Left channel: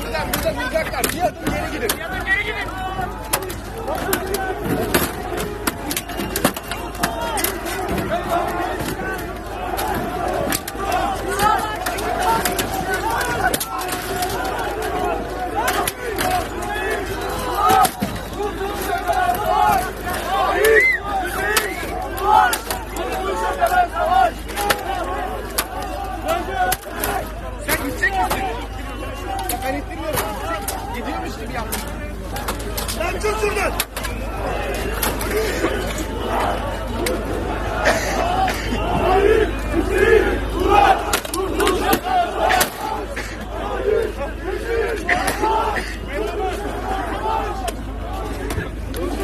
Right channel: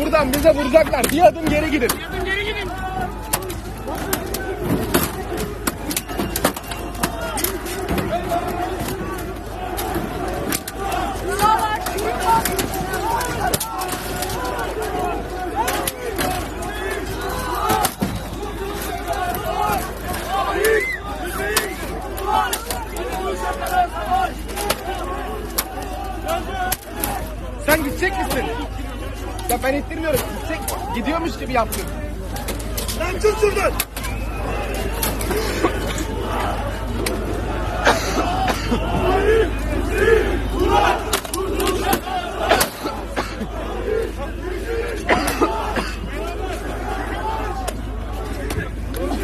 Buradan bize vuracaklar. Bir adım geri gidin. Sen gidecek misin? Ya ben ittirmiyorum. Gidiyormuş gibi yaptın. Lan dur buradan.